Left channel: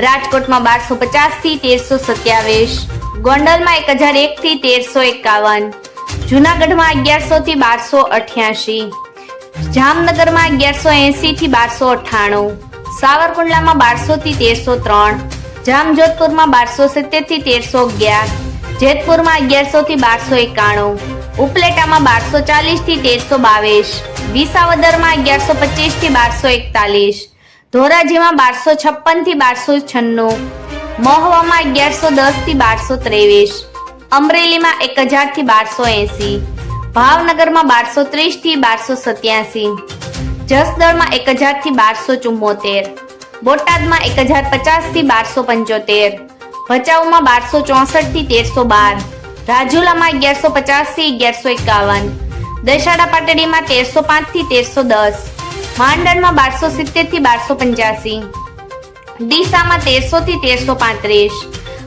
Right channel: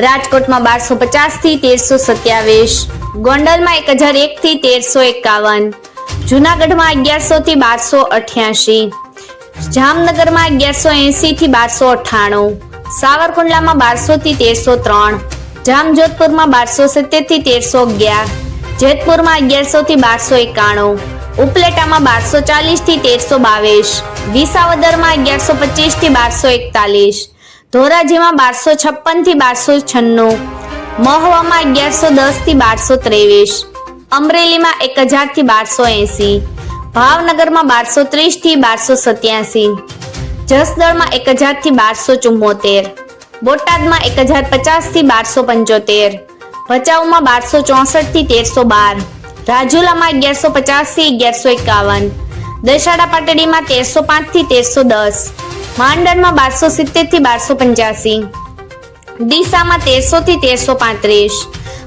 રાજકોટમાં બારસો પચાસથી તેરસો સત્યાવીસ. ગોંડલમાં એક હજાર એક થી તેરસો એકાવન. જુનાગઢમાં અગિયારસો થી બારસો અઠ્યાસી. જામનગરમાં અગિયારસો એસી થી બારસો અઠ્ઠાણું. સાવરકુંડલામાં બારસો થી તેરસો ત્રણ. જામજોધપુરમાં બારસો સિત્તેરથી તેરસો અગિયાર. જેતપુરમાં અગિયારસો થી બારસો એકાણું. ઉપલેટામાં બારસો ચાલીસથી તેરસો બાવીસ. વિસાવદરમાં અગિયારસો પચીસથી બારસો એકતાલીસ. ધોરાજીમાં બારસો છપ્પનથી બારસો છન્નું. મહવામાં અગિયારસો દસથી બારસો ત્રેવીસ. અમરેલીમાં એક હજારથી બારસો એસી. ભાવનગરમાં બારસો ત્રીસથી બારસો સત્યાસી. જસદણમાં એક હજારથી બારસો ચુમ્મોતેર. બોટાદમાં એક હજાર પચાસથી બારસો પંચોતેર. ભચાઉમાં બારસો ચોસઠથી તેરસો બાર. રાજુલામાં અગિયારસો પચાસથી અગિયારસો એકાવન. દશાડા પાટડીમાં તેરસો પાંચથી તેરસો દસ. માંડલમાં બારસો સિત્તેરથી બારસો પંચ્યાસી. ડીસામાં તેરસો થી તેરસો પાંત્રીસ.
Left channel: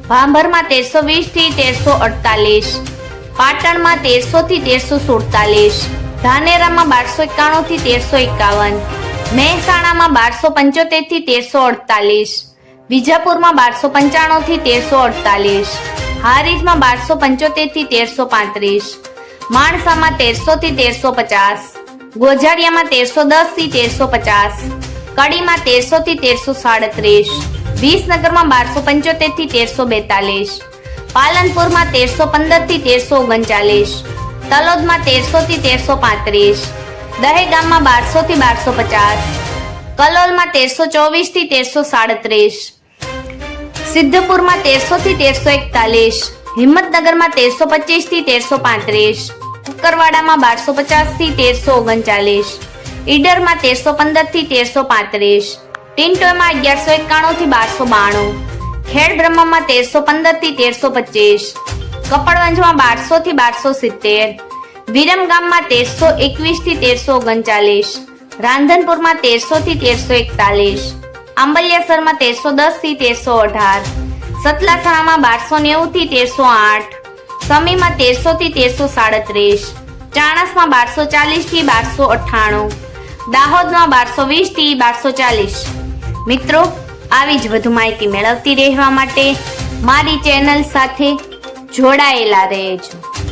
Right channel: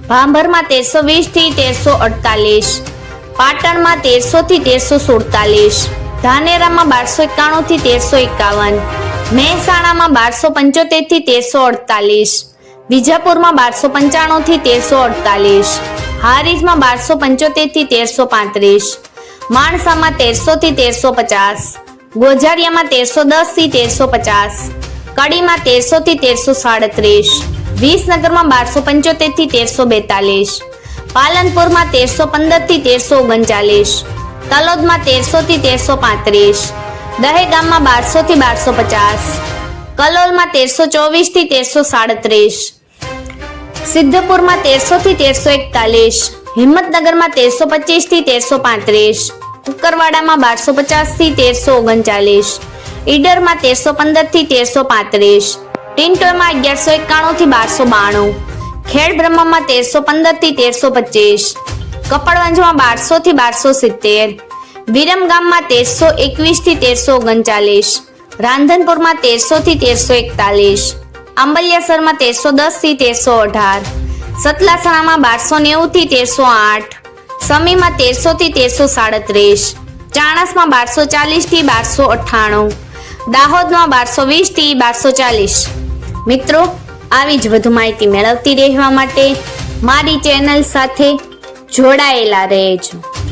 ભાંભરમાં તેરસો વીસથી તેરસો અડતાલીસ. પાટણમાં તેરસો થી તેરસો સુડતાલીસ. ધાનેરામાં બારસો એકાણું થી તેરસો એકાવન. મહેસાણામાં બારસો પંચોતેરથી તેરસો અડતાલીસ. વિજાપુરમાં બારસો પંચાણું થી તેરસો અડતાલીસ. હારીજમાં બારસો પંચોતેરથી તેરસો પાંત્રીસ. માણસામાં તેરસો થી તેરસો પચાસ. ગોઝારિયામાં તેરસો દસથી તેરસો પચાસ, કડીમાં તેરસો થી તેરસો સાડત્રીસ, વિસનગરમાં બારસો પંચોતેરથી તેરસો બેતાલીસ, પાલનપુરમાં તેરસો પંદરથી તેરસો ઓગણચાલીસ, તલોદમાં તેરસો થી તેરસો પાંત્રીસ, દહેગામમાં બારસો થી બારસો પચાસ, કલોલમાં તેરસો ચોવીસથી તેરસો સાડત્રીસ, સિદ્ધપુરમાં તેરસો થી તેરસો એકતાલીસ, હિંમતનગરમાં તેરસો પચીસથી તેરસો પાંત્રીસ કુકરવાડામાં બારસો પચાસથી તેરસો ઓગણચાલીસ. ઈડરમાં તેરસો પંદરથી તેરસો પાંત્રીસ. ટિન્ટોમાં અગિયારસો એકાણું થી બારસો બાણું. ખેડ બ્રહ્મમાં તેરસો પંદરથી તેરસો પચીસ. કપડવંજમાં બારસો થી બારસો સિત્તેર. વિરમગામમાં તેરસો એકવીસથી તેરસો ઓગણચાલીસ. રાંધનપુરમાં તેરસો થી તેરસો એકતાલીસ. આંબલિયાસરમાં તેરસો દસથી તેરસો અઢાર. સતલાસણામાં બારસો નેવું થી તેરસો આઠ. સમીમાં તેરસો થી તેરસો સાડત્રીસ, ચાણસમાં બારસો ચાલીસથી બારસો અઠ્ઠાણું, દાહોદમાં બારસો વીસથી બારસો ચાલીસ. મિત્રો, આવી જ વધુ માહિતી મેળવતી રહેવા માટે મારી ચેનલ સાથે જોડાયેલા રહેજો.